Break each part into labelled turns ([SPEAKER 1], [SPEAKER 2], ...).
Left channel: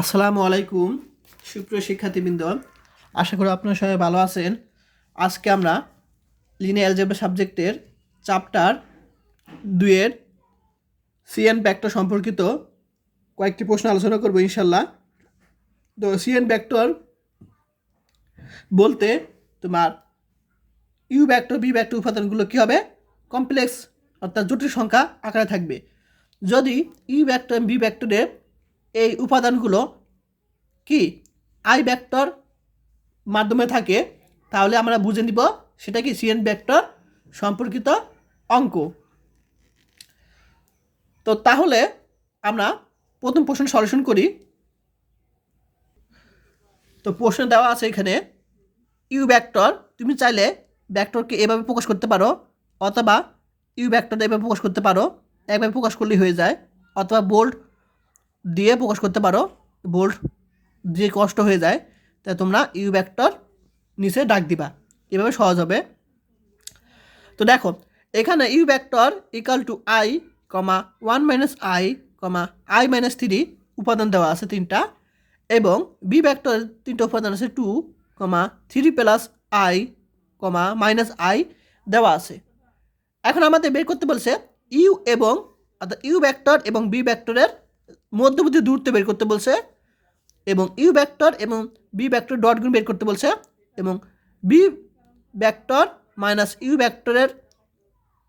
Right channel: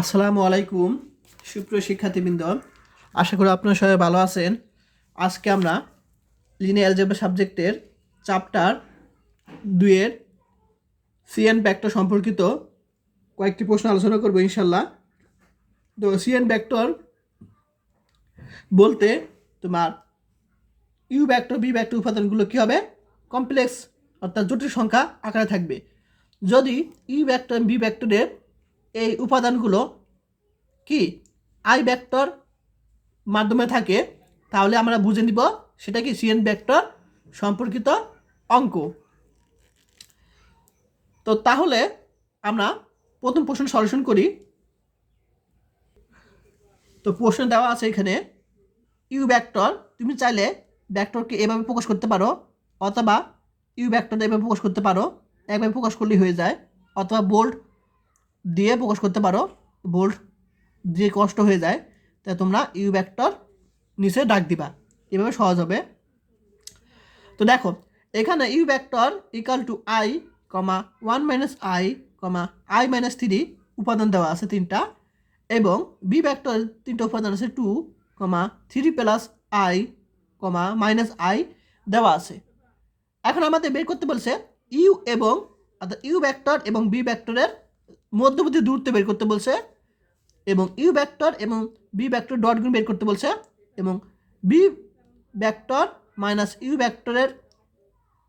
[SPEAKER 1] আসসালামু আলাইকুম, সুপ্রিয় শিক্ষার্থীবৃন্দ। আশা করি আপনারা সবাই ভালো আছেন। আজকে আমরা লিনিয়ার অ্যালজেব্রা সাবজেক্টের চ্যাপ্টার দুইয়ের সিএন ব্যাক্টর সম্পর্কিত কয়েকটি প্রশ্ন আলোচনা করব ইনশাল্লাহ তো সিএন ব্যাক্টর বলতে তোমার ইউ ব্যাক্টর বি ব্যাক্টর উপাদানগুলো কী হবে? কমপ্লেক্স অর্থাৎ জটিল সংখ্যা আকারে থাকবে। যদি ই ব্যাক্টর বি ব্যাক্টরের এই উপাদানগুলো কি? আই ব্যাক্টর মাধ্যমে থাকে, তাহলে আমরা বুঝে নিব সেটা কি সিএন ব্যাক্টর সম্পর্কিত অঙ্ক। তো তাহলে আমরা প্রথম প্রশ্ন সলিউশন করি। তো প্রশ্ন দেওয়া আছে এখানে ইউ ব্যাক্টর তুমি চাইলে ব্যাক্টরকে এভাবে প্রকাশ করতে পারো, অথবা ইউ ব্যাক্টর এভাবে প্রকাশ করতে পারো, একভাবে প্রকাশ করলেই হয়ে যায়, অথবা বোল্ড দিয়ে প্রকাশ করতে পারো। বোল্ড যে কষ্ট হয়ে যায় তাই তোমরা ইউ ব্যাক্টর নিচে ডাক দিবা। এভাবে সহজ হবে। তো দেখো, এখানে U vector equal to I comma one minus I comma I minus three উপাদান দেওয়া আছে তিনটা, এবং বি ব্যাক্টর তিনটা উপাদান আছে two comma three plus I comma minus I দেওয়া আছে। এখন আমাদের বের করতে বলছে ইউ এবং, অর্থাৎ ইউ ব্যাক্টর এবং বি ব্যাক্টরের মধ্যবর্তী দূরত্ব বের করতে বলছে এবং ইউ ব্যাক্টর এবং বি ব্যাক্টর ডট গুণ বের করতে বলছে এবং বি ব্যাক্টর মাইনাস ইউ ব্যাক্টরের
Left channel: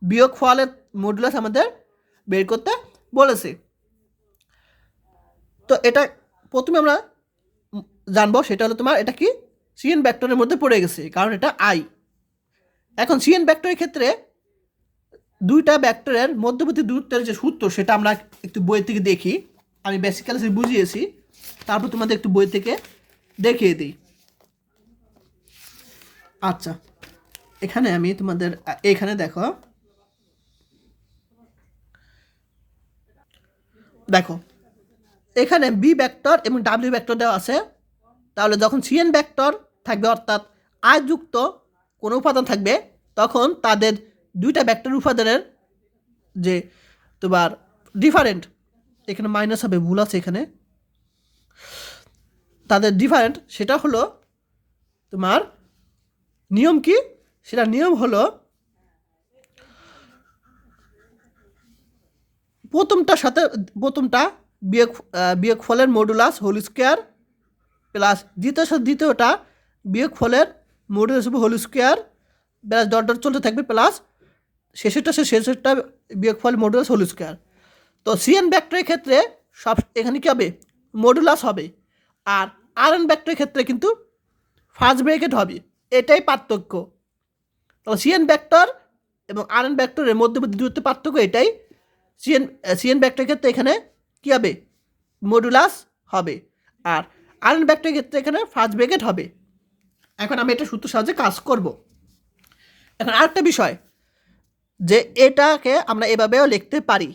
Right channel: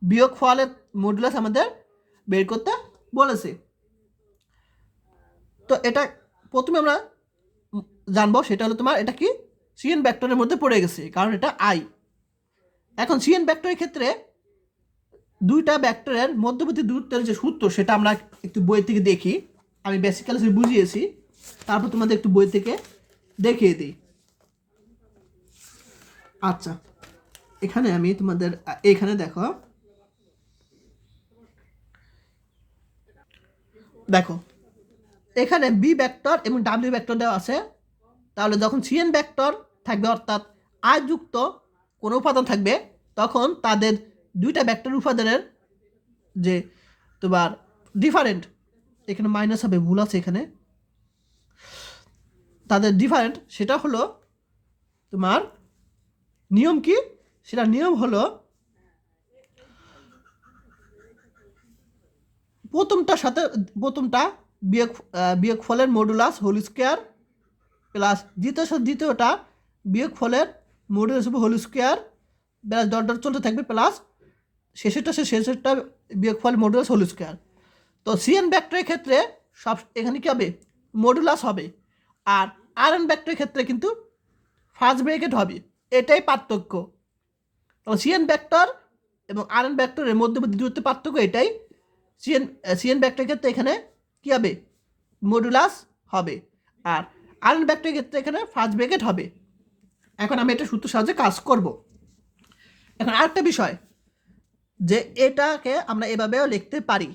[SPEAKER 1] বিয়োগ ফলের মডুলাস আমাদের বের করতে বলেছে। তো এটা প্রথমে আমরা জানব, সেটা হলো তোমার এটা কি সিএন ব্যাক্টরের মধ্যে পড়ে গেছে, কারণ এটা আই এখন সিএন ব্যাক্টরের ক্ষেত্রে দুইটা ব্যাক্টরের মধ্যবর্তী দূরত্বের যে সূত্র, সেটা আমরা একটু বই থেকে দেখি। আমি বেসিক্যালি বুঝিয়েছি। তারপর তোমাদের একটু বই থেকে দেখিয়ে দিই। আচ্ছা এখানে আমি তোমাদের, এখানে দেখো। দেখো, এখানে বি ব্যাক্টর এবং ডাব্লিউ ব্যাক্টর দেওয়া আছে। তাহলে যখন সিএন ব্যাক্টর থাকবে, অর্থাৎ আয় যুক্ত কোনো উপাদান থাকবে, তখন তাদের দুইটা ব্যাক্টর উপাদানের যে তোমার ডিফারেন্ট এখানে মাইনাস হবে, ভুল আছে এখানে। তাদের ডিফারেন্ট সেটা হলো তোমার নিয়ম কি? সেটা নিয়ম হলো প্রথমটার সাথে, প্রথমটা বিয়োগ বিয়োগ ফলের মডুলাস হোল স্কোয়ার প্লাস দ্বিতীয় সাথে দ্বিতীয়টা বিয়োগ ফলের মডুলাস হবে whole square plus dot dot চলতে থাকবে প্লাস শেষেরটা সে শেষেরটা বিয়োগ ফল মডুলাস হোল স্কোয়ার তো সিএন ব্যাক্টরের ক্ষেত্রে সব এখানে কী হবে? মডুলাস হবে। আর আর এন ব্যাক্টরের ক্ষেত্রে কিন্তু ফার্স্ট ব্রেকেট হবে। এটাই পার্থক্য। তো সিএন ব্যাক্টর এবং আর এন ব্যাক্টরের মধ্যে দূরত্ব পার্থক্য এটাই। সিএন সিএন ব্যাক্টরের ক্ষেত্রে এখানে কী হবে? মডুলাস হবে। আর আর এন ব্যাক্টরের ক্ষেত্রে এখানে ফার্স্ট ব্রেকেট হবে। এখন আমি এটা সূত্র সাহায্যে কাজ করব। এখন আরেকটা বিষয়, যে এটাকে আমরা এভাবেও লিখতে পারি।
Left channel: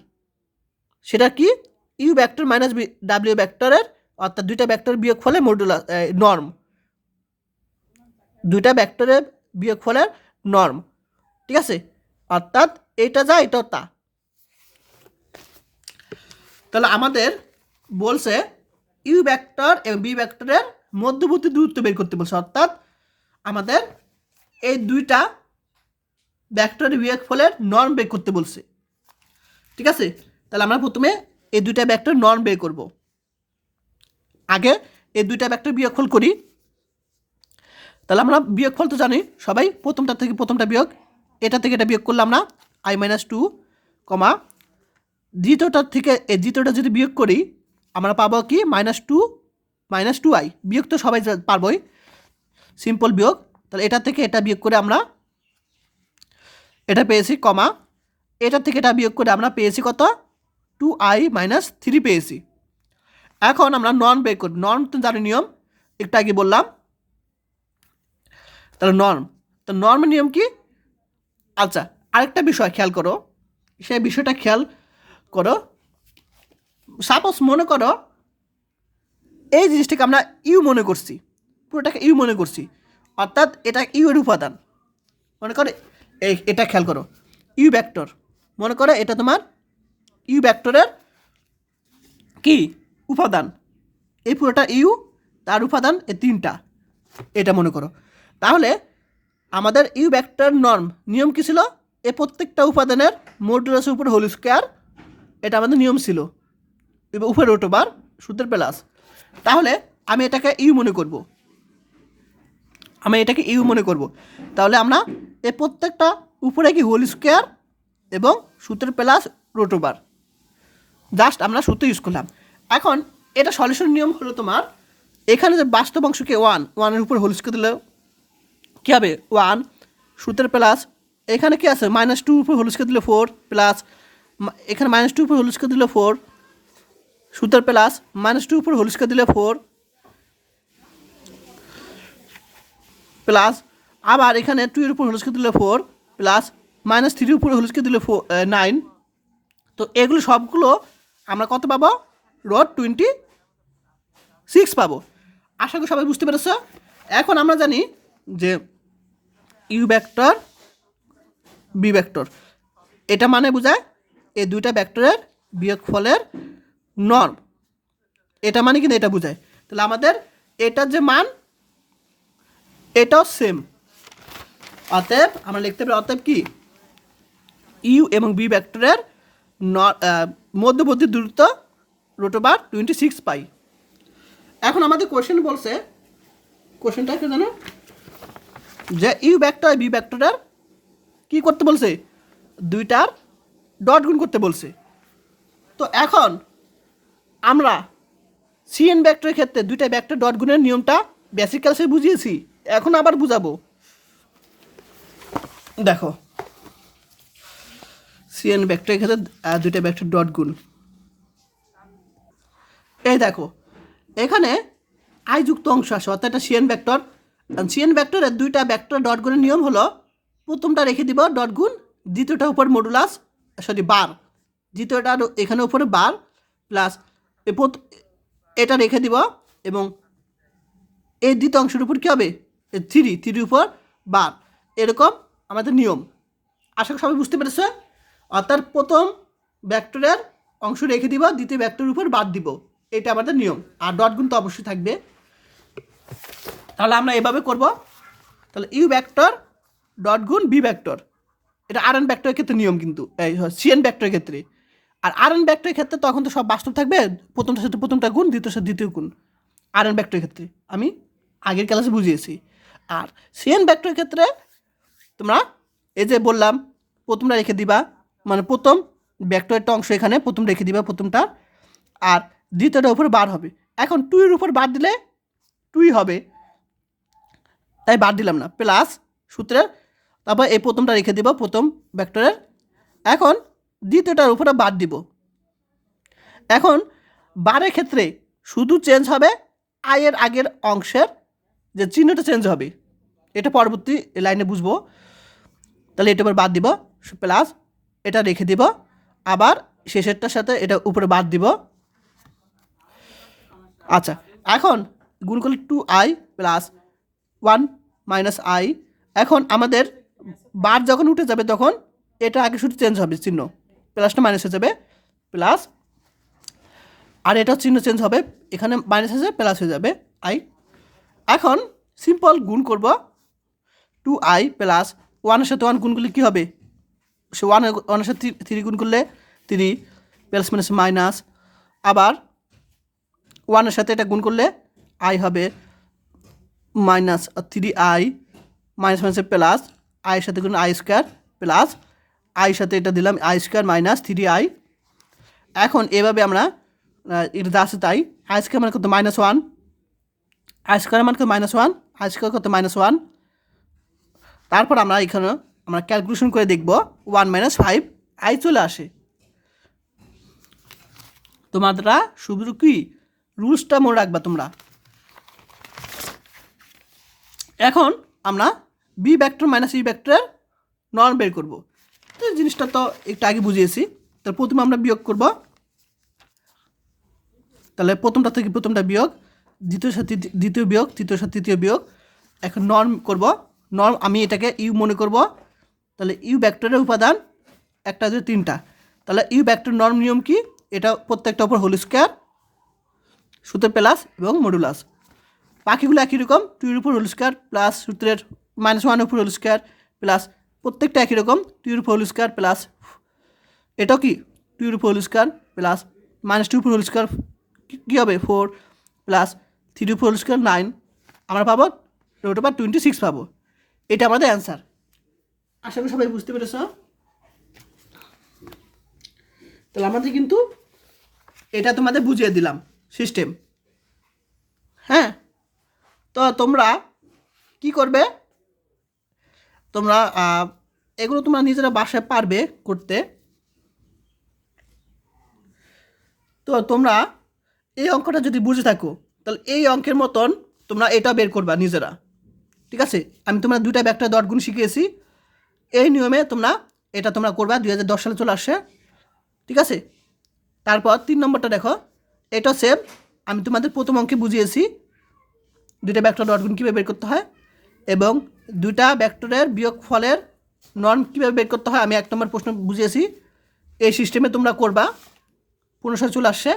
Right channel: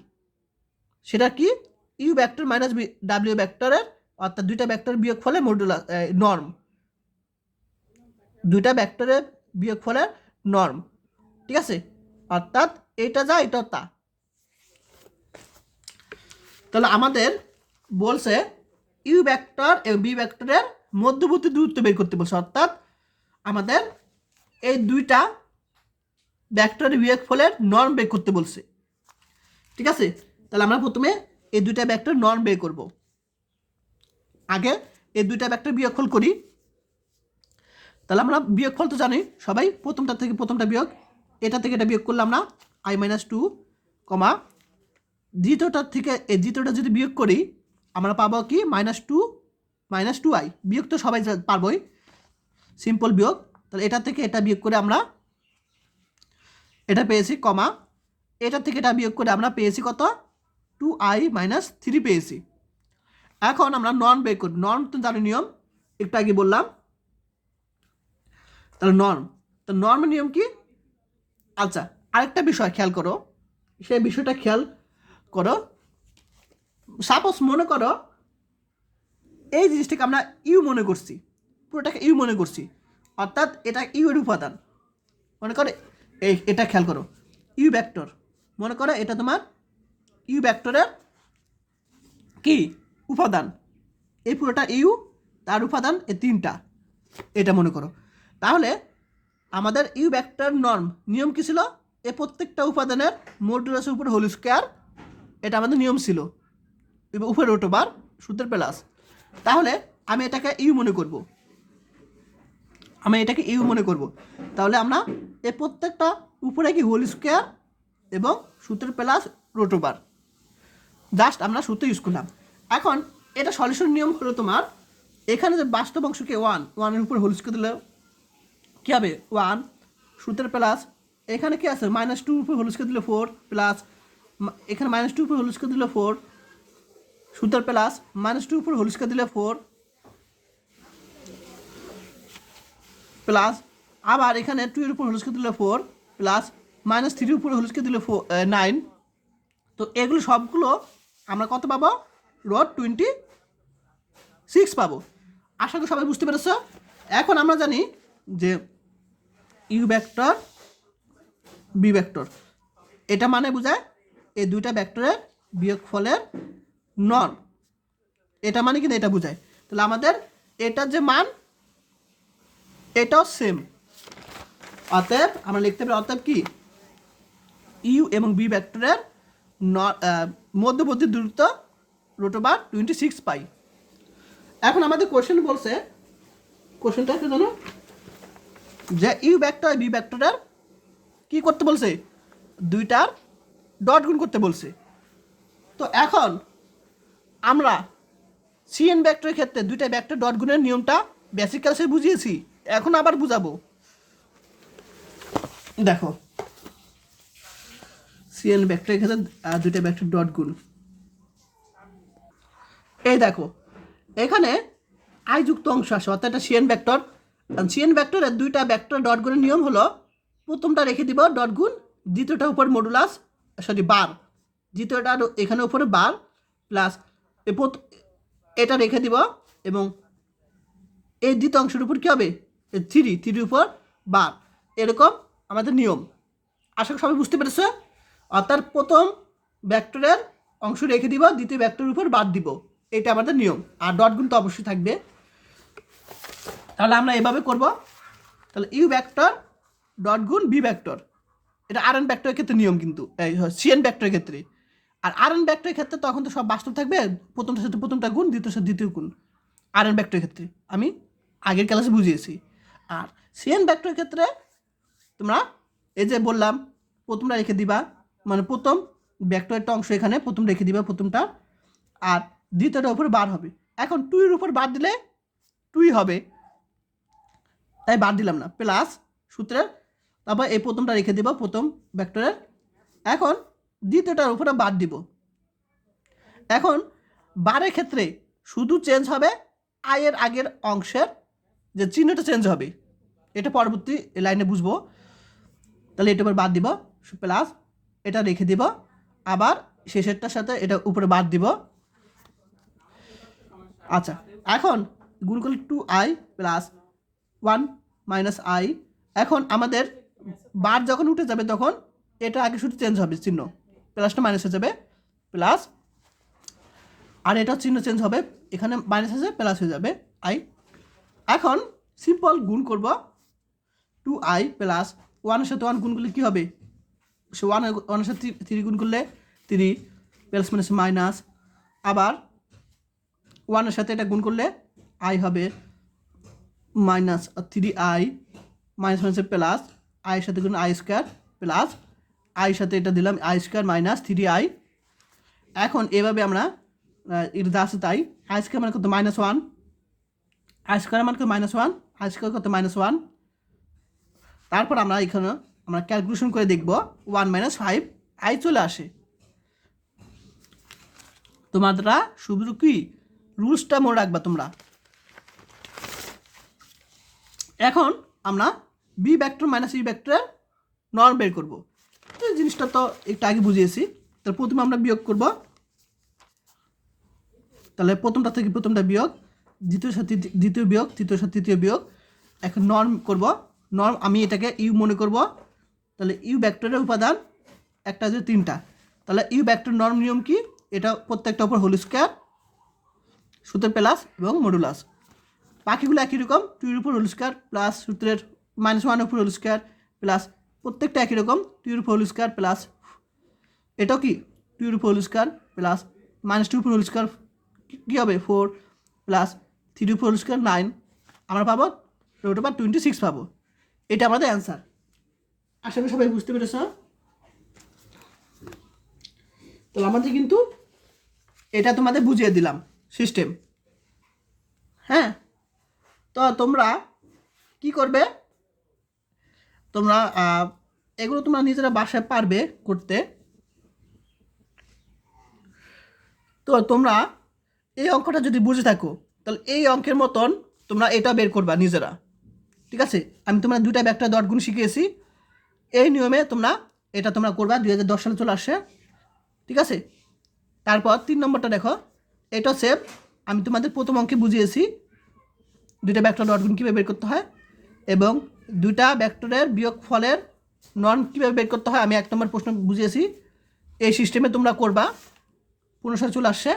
[SPEAKER 1] সেটা কি? ইউ ব্যাক্টর মাইনাস ডাব্লিউ ব্যাক্টরের অর্থাৎ দুইটা ব্যাক্টর বিয়োগ ফলে মডুলা নর্ম দুইটা ব্যাক্টরের বিয়োগ ফলের নর্ম ঠিক আছে? অর্থাৎ এটা যা, এটাও তা। তাহলে আমাদের বলছে ইউ ব্যাক্টর এবং বি ব্যাক্টরের মধ্যবর্তী দূরত্ব বের করতে বলছে। অর্থাৎ আমাদের এই দুইটা ব্যাক্টর বিয়োগ ফলের নর্ম বের করতে বলছে। ঠিক আছে? তাহলে আমরা প্রথমে এই দুইটা ব্যাক্টর নর্ম বের করব। আগে এই দুইটা ব্যাক্টর বিয়োগফল করি। তাহলে আমরা বিয়োগফল তো জানি, সবাই প্রথমটা থেকে প্রথমটা বিয়োগ, এটা থেকে এটা বিয়োগ করলাম না আই মাইনাস টু কমা দ্বিতীয়টার থেকে এই দ্বিতীয়টা যদি বিয়োগ করি, আমরা পাবো কি? Minus two minus two I বিয়োগ তো সবাই পারবই। সিম্পল বিয়োগ। তাহলে এটা থেকে এটা বিয়োগ করে আমরা এটা পেয়েছি কমা এটা থেকে এটা বিয়োগ করে আমরা পেয়েছি কত? টু আই মাইনাস থ্রি পেয়েছি। এখন আমরা নন বের করি। তো জানি নিয়ম? একটু আগে বললাম। তাহলে নর্ম তো নর্মের নিয়ম কি? আচ্ছা আরেকটা বিষয় খেয়াল করো। সেই বিষয়টা খেয়াল করো। সাপোজ মনে করো, এই জিনিসটাকে আমরা ইউ মনে করছি। পুরোটাকে ইউ মনে করছি। অর্থাৎ এটা ইউ এর উপাদান। মনে করো, এই, এটা খেয়াল করো। ইউ ব্যাক্টর মনে করো এটা তোমার ইউ ব্যাক্টরের কি? উপাদান। এই পুরোটা ইউ, তার উপাদান এ তিনটা। এটা মনে করো। তাহলে আমাদের ইউ ভেক্টর নর্ম নিয়ম কী ছিল? এ প্রত্যেকটা উপাদানের মডুলাসের উপর হোল স্কোয়ার। এটা আমাদের নিয়ম ছিল। এবার উপরে ওটোবার সূত্রের প্লাস। তাহলে আমি এটাকে ইউ মনে করব। আমি এটাকে ইউ মনে করব। তাহলে আমরা এ প্রত্যেকটা উপরে কি হোল স্কোয়ার এবং সূত্রের প্লাস রোটোবার জাস্ট আমরা সূত্র ইউজ করলাম। এখন এটা সলিউশন নিয়ম হলো তোমার, এখানে যে বাস্তব অংশকে ওয়ান ওয়ানের উপর হোল স্কোয়ার দিলে কী হবে? ওয়ান সূত্রের প্লাস এখানে কি আছে? মাইনাস টু উপর হোল স্কোয়ার দিলে ফোর প্লাস এখানে মাইনাস টু উপর হোল স্কোয়ার দিলে ফোর সূত্রের প্লাস মাইনাস টু উপর হোল স্কোয়ার দিলে ফোর প্লাস আবার এখানে টু এর উপর হোল স্কোয়ার দিলে ফোর প্লাস মাইনাস থ্রির উপর হোল স্কোয়ার দিলে ফোর নাইন তো এগুলো সবগুলো আমরা কত পাবো? রোড টোয়েন্টি সিক্স পাবো। আশা করি সবাই বুঝতে পেরেছ। এখন আমরা জানি যে ইউ ভেক্টর বি ভেক্টর এটা মানে বোঝায় এই দুইটা ভেক্টরের বিয়োগফলের নর্ম এটা মানে কিন্তু এটা বোঝায়। তাহলে আমাদের এটার যে মান, এটাও সেম অতএব আমরা লিখতে পারি, অতএব কি? ইউ এবং বি ভেক্টরের ন- মধ্যবর্তী দূরত্ব রোটোবার টোয়েন্টি সিক্স পাই এখন আমাদের কোশ্চেন বলছে কোশ্চেনটা কি জানো? যে ইউ ভেক্টর বি ভেক্টরের কী করতে বলছে? দুইটার ডট গুণ করতে বলছে। তো এখন আমরা সিএন ভেক্টরের ক্ষেত্রে দুইটা ভেক্টর ডট গুণের নিয়মটা বেসিক ক্লাসে বুঝিয়েছি, এখন আবার বুঝাবো। দেখো সিএন ভেক্টরের ক্ষেত্রে দুইটা ভেক্টর ডট গুণ। এই দেখো, এখানে আই যুক্ত অংশ আছে, অর্থাৎ এটা সিএন ভেক্টর সিএন ভেক্টরের দুইটা ভেক্টর ডট গুণের নিয়ম হলো, প্রথমটা রেখে দিব ডট গুণ, দ্বিতীয়টা উপর মডুলাস সরি বার। দ্বিতীয়টা এখানে উপরে বার প্লাস এটা রেখে দিব এবং এই দ্বিতীয় অংশের উপর কী হবে? থ্রি থ্রির উপর বার। এরকম আমাদের নিয়ম। আশা করি সবাই বুঝতে পেরেছে? অর্থাৎ প্রথম ভেক্টরের অংশ রেখে দিব, দ্বিতীয় ভেক্টরের উপর বাদ দিব। এটা আমাদের নিয়ম। আর ডট গুণ তো অবশ্যই থাকবে। তাহলে আমরা এভাবে করব। তাহলে ইউ ভেক্টর ডট গুণ বি ভেক্টর এটা আর এন ভেক্টরের ক্ষেত্রে নিয়ম কিন্তু। এই সিএন ভেক্টরের ক্ষেত্রে। আর আর এন ভেক্টরের ক্ষেত্রে তখন তো সব বাস্তব থাকবে। প্রথমটার সাথে প্রথমটা গুণ দ্বিতীয় সাথে দ্বিতীয় গুণ। আর এন ভেক্টরের ক্ষেত্রে। আমি আগের ক্লাসে বুঝিয়েছি। আর সিএন ভেক্টরের ক্ষেত্রে তোমরা এই যে বললাম, প্রথমটা রেখে দিবা। মানে প্রথম ভেক্টরেরটা অংশ এখানে প্রথম রেখে দিবা প্রথমটা, আর দ্বিতীয়টার উপর বার হবে। এখন টুইয়ের উপর বার দিলে টুই হবে। তাই বাদ দিলাম না প্লাস সূত্রের তারপর এই প্রথমটা রেখে দিব, প্রথম ভেক্টরের এখন দ্বিতীয়টার উপরে বাদ দিব। এখন বারের ক্ষেত্রে শুধু চেঞ্জ হবে আয়ের আগের অংশের যে চিহ্নটা চেঞ্জ হবে। এটা পরবর্তী লাইনে বুঝব। তাহলে এটা এবার বাদ দিব প্লাস এটা রেখে দিব। আবার শেষেরটার সাথে এটা উপরে বাদ দিব। আচ্ছা এখন গুণ করলে two i plus one minus i এখন আমাদের বার যখন উঠে যাবে তখন এটা আগে শুধু চেঞ্জ হবে, চিহ্ন। প্লাসটা মাইনাস হয়ে যাবে প্লাস আর এটা চিহ্ন চেঞ্জ হবে, এখানে মাইনাস হয়ে যাবে প্লাস হয়ে যাবে আই এখন সিম্পল গুণ করব টু আই প্লাস ওয়ানের সাথে ওয়ান গুণ করলে কী হবে? সে ওয়ান ওয়ানের সাথে থ্রি গুণ করলে থ্রি প্লাস মাইনাস মাইনাস আবার ওয়ানের সাথে এটা গুণ করলে আই হবে মাইনাস থ্রি আই মাইনাস মাইনাসে প্লাস আইয়ের সাথে গুণ আই স্কোয়ার প্লাস আইয়ের সাথে এটা দিলাম i square minus three i এখন এভাবে আমরা এটা আছে তাই। আই স্কোয়ার মানে কত? মাইনাস ওয়ান আই স্কোয়ার মানে কত? মাইনাস ওয়ান আই স্কোয়ার কত? মাইনাস ওয়ান তারপর আমরা এখানে আমরা ক্যালকুলেশন করে দেখব ওয়ান মাইনাস ফাইভ আই চলে আসে। তোমরা শুধু কি? রুলসটা মনে রাখবা তোমরা। এখন আমরা বি ভেক্টর মাইনাস ই ভেক্টরের নর্ম বের করব। জিনিসটা তো একটু আগে বুঝিয়েছি। তাহলে প্রথমে আমরা বিয়োগ করব। তাহলে প্রথমটা থেকে প্রথমটা বিয়োগ, দ্বিতীয় সাথে দ্বিতীয় বিয়োগ, তৃতীয় সাথে তৃতীয় বিয়োগ। এখন নর্ম করব। নর্ম আমি এটাকে ইউ মনে করব। তাহলে ইউ ভেক্টরের উপাদান একটা দুই তিনটা। তাহলে ইউ ভেক্টর নর্ম নিয়ম কি? এটা প্রত্যেকটা উপর হোল স্কোয়ার, সূত্রের প্লাস এবং মডুলাস। পাখিগুলো একই রকম, টুর উপর হোল স্কোয়ার প্লাস সূত্রের মাইনাস ওয়ান উপর হোল স্কোয়ার প্লাস প্রত্যেকটা একই রকম, টুর উপর হোল স্কোয়ার প্লাস এটাও কি? টুর উপর whole square plus minus two উপর হোল স্কোয়ার কী হবে? ফোর প্লাস থ্রি উপর হোল স্কোয়ার নাইন। আমরা পাবো রোট ওভার টোয়েন্টি সিক্স পাবো। এটা আমাদের অ্যান্সার। আশা করি সবাই বুঝতে পেরেছ। তাহলে আমাদের কিন্তু এটা তোমাদের বুঝিয়ে দিলাম সিস্টেম হ্যাঁ? তো তোমরা কি করবে? তোমরা এগুলো তোমরা নিজেরা বাসায় পারবে করতে। তো তোমরা এই অঙ্কটা যদি বুঝে থাকো, তাহলে এই অঙ্কের মতন তোমরা এটা বের করবা নিজেরা। ঠিক আছে? আমি তোমরা দুইটা ব্যাগটা দশ গুণ শিখিয়েছি। এই নিয়মে তোমরা, এটা তোমরা করবা, দুই হাজার দশ সালে চলে আসছে ঠিক আছে? তারপর তিন নম্বরটা দেখো। এটা সেম আমি তোমাদের প্রথম অঙ্কে বুঝিয়েছি, দুইটা ব্যাক্টর গুণ কীভাবে বের করতে হয় এবং দুইটা ব্যাক্টরের বিয়োগ ফলের নন কীভাবে বের করতে হয়, আমি এক নম্বর প্রশ্ন বুঝিয়েছি। এই সিস্টেমে তোমরা করবা, পনেরো সালে চলে আসছে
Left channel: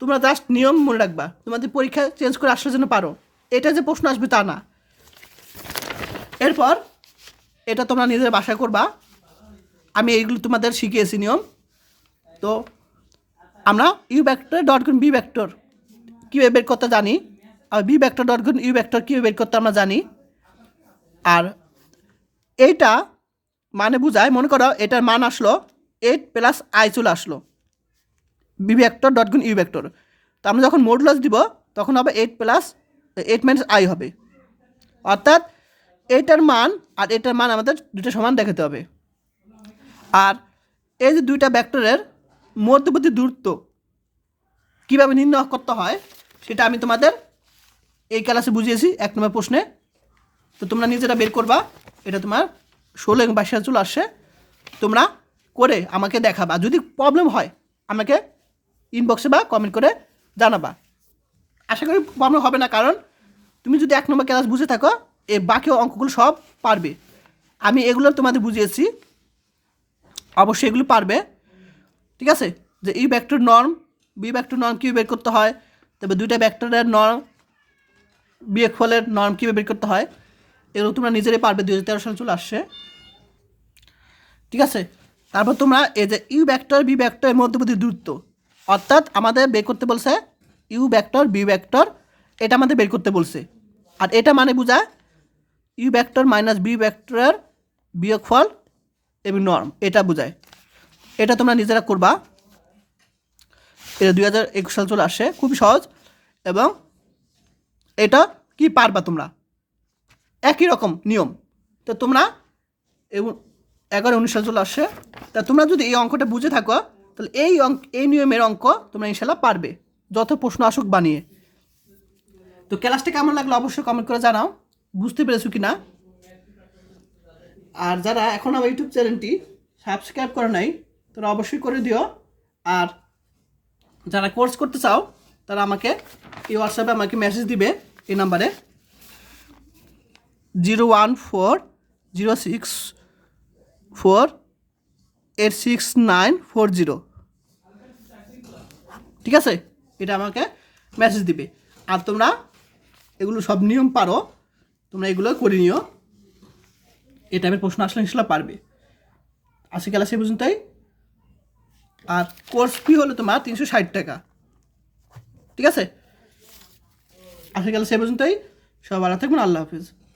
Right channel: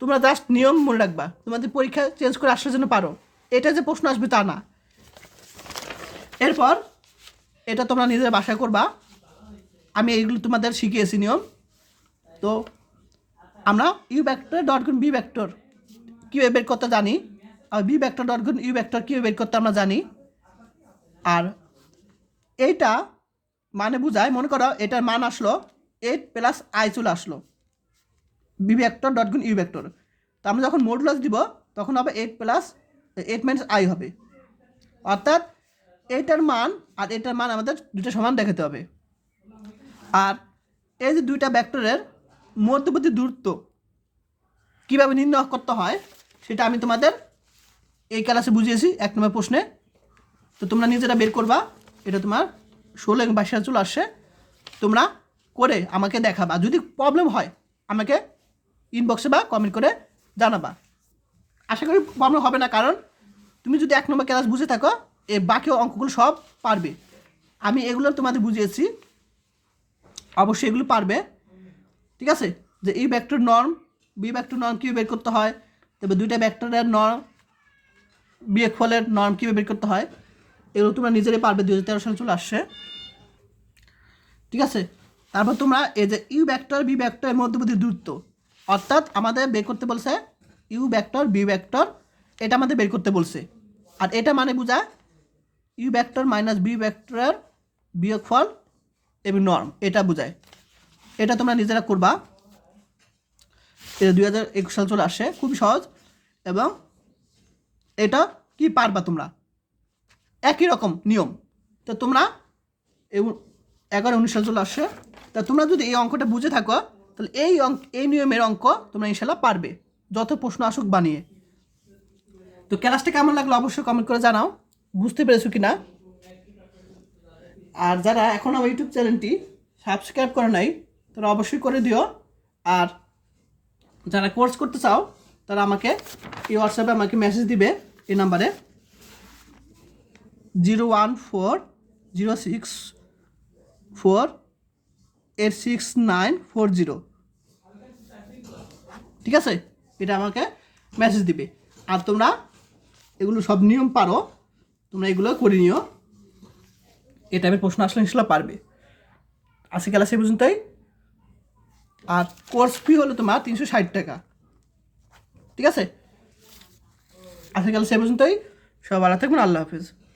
[SPEAKER 1] তোমরা জাস্ট নিয়ম মনে রাখবা, তোমাদের পরীক্ষা চেঞ্জ করে আসার জন্য পারো। এটা যে প্রশ্ন আসবে তা না। এরপর এটা তোমরা নিজের বাসায় করবা। আমি এইগুলো তোমাদের শিখিয়েছি নিয়ম। তো আমরা ইউ ভেক্টর ডট গুণ বি ভেক্টর কীভাবে বের করতে জানি, আর বি ভেক্টর ডট গুণ ইউ ভেক্টর কীভাবে বের করতে আমরা জানি। আর এইটা মানে বুঝায়, মনে করো এটার মান আসলো এইট প্লাস আই চলে আসলো। বি ভেক্টর ডট গুণ ইউ ভেক্টর তো আমরা যখন মডুলাস দিব, তখন হবে eight plus eight minus i হবে। অর্থাৎ এইটার মান আর এটার মান আমাদের দুটো সমান দেখাতে হবে। আর এই যে দুইটা ভেক্টরের মধ্যবর্তী দূরত্ব কীভাবে নির্ণয় করতে হয়, সেটা আমি তোমাদের এই ক্লাসে বুঝিয়েছি, এক নম্বর প্রশ্নে। তো তোমরা নিজেরা বের করবা, এটা তোমার ষোলো এবং বাইশ চলে আসছে। তোমরা করে আমাকে দেখাবা। যদি প্রবলেম হয়, আমাকে ইনবক্সে বা কমেন্ট করে জানাবা। আশা করি প্রবলেম হবে না, কারণ তুমি যদি এক নম্বর ক্লাস বুঝে থাকো এই বাকি অঙ্কগুলো সব পারবে। আমি এগুলো তোমাদের বুঝিয়েছি। অবশ্যই এগুলো পারবে। ঠিক আছে? যে এই vector norm B vector norm কীভাবে বের করতে হয় তবে দুইটা ব্যাক্টরের নর্ম বিয়োগ ফলের নর্ম কীভাবে বের করতে হয়, এগুলো তোমরা নিজেরাই পারবে। দু হাজার তেরো সাল চলে আসছে। ঠিক আছে? তারপর তোমরা এই যে ইউ ব্যাক্টর বি ব্যাক্টরের মধ্যবর্তী দূরত্ব, অর্থাৎ আমাদের বের করতে বলছে ইউ ব্যাক্টর বি ব্যাক্টর এটা আমাদের বের করতে বলছে। আর এটা মানে বোঝায় ইউ ব্যাক্টর মাইনাস বি ব্যাক্টরের বিয়োগফল এবং নর্ম এটা বোঝায়। এটা তোমরা নিজেরা করবা। এটা দুই হাজার একুশ সাল চলে আসে, খুবই সহজ। এবং এটা কি পারবা তোমরা? একই রকম নিয়ম। তো তোমরা এবং এগারো উনিশ সাল চলে আসছে তা তোমরা যদি এই অঙ্কটা বুঝে থাকো, তাহলে এই অঙ্ক এই নিয়মের অঙ্ক তোমরা ইনশাল্লাহ পারবে। যত প্রশ্ন আসুক বানিয়ে। তো ক্লাসটা কেমন লাগল অবশ্যই কমেন্ট করে জানাও। বুঝতে পেরেছ কি না আর যারা এখন আমার ইউটিউব চ্যানেলটি সাবস্ক্রাইব করে নাই, তারা অবশ্যই করে দিও। আর যারা কোর্স করতে চাও, তারা আমাকে এই হোয়াটসঅ্যাপে আমাকে মেসেজ দিবে, এই নাম্বারে। Zero one four zero six four eight six nine four zero. ঠিক আছে? এটা আমাকে মেসেজ দিবে। আর তোমরা এগুলো সব নিয়ম পারো। তোমরা এগুলো করে নিও। এ টাইপের প্রশ্ন আসলে ইনশাল্লাহ পারবে। আজকে ক্লাসে পর্যন্তই। আর কোর্স ফি হলো তোমার তিনশো ষাট টাকা। ঠিক আছে? আজকে ক্লাসে পর্যন্তই। সব ভালো থাকবেন, আল্লাহ হাফিজ।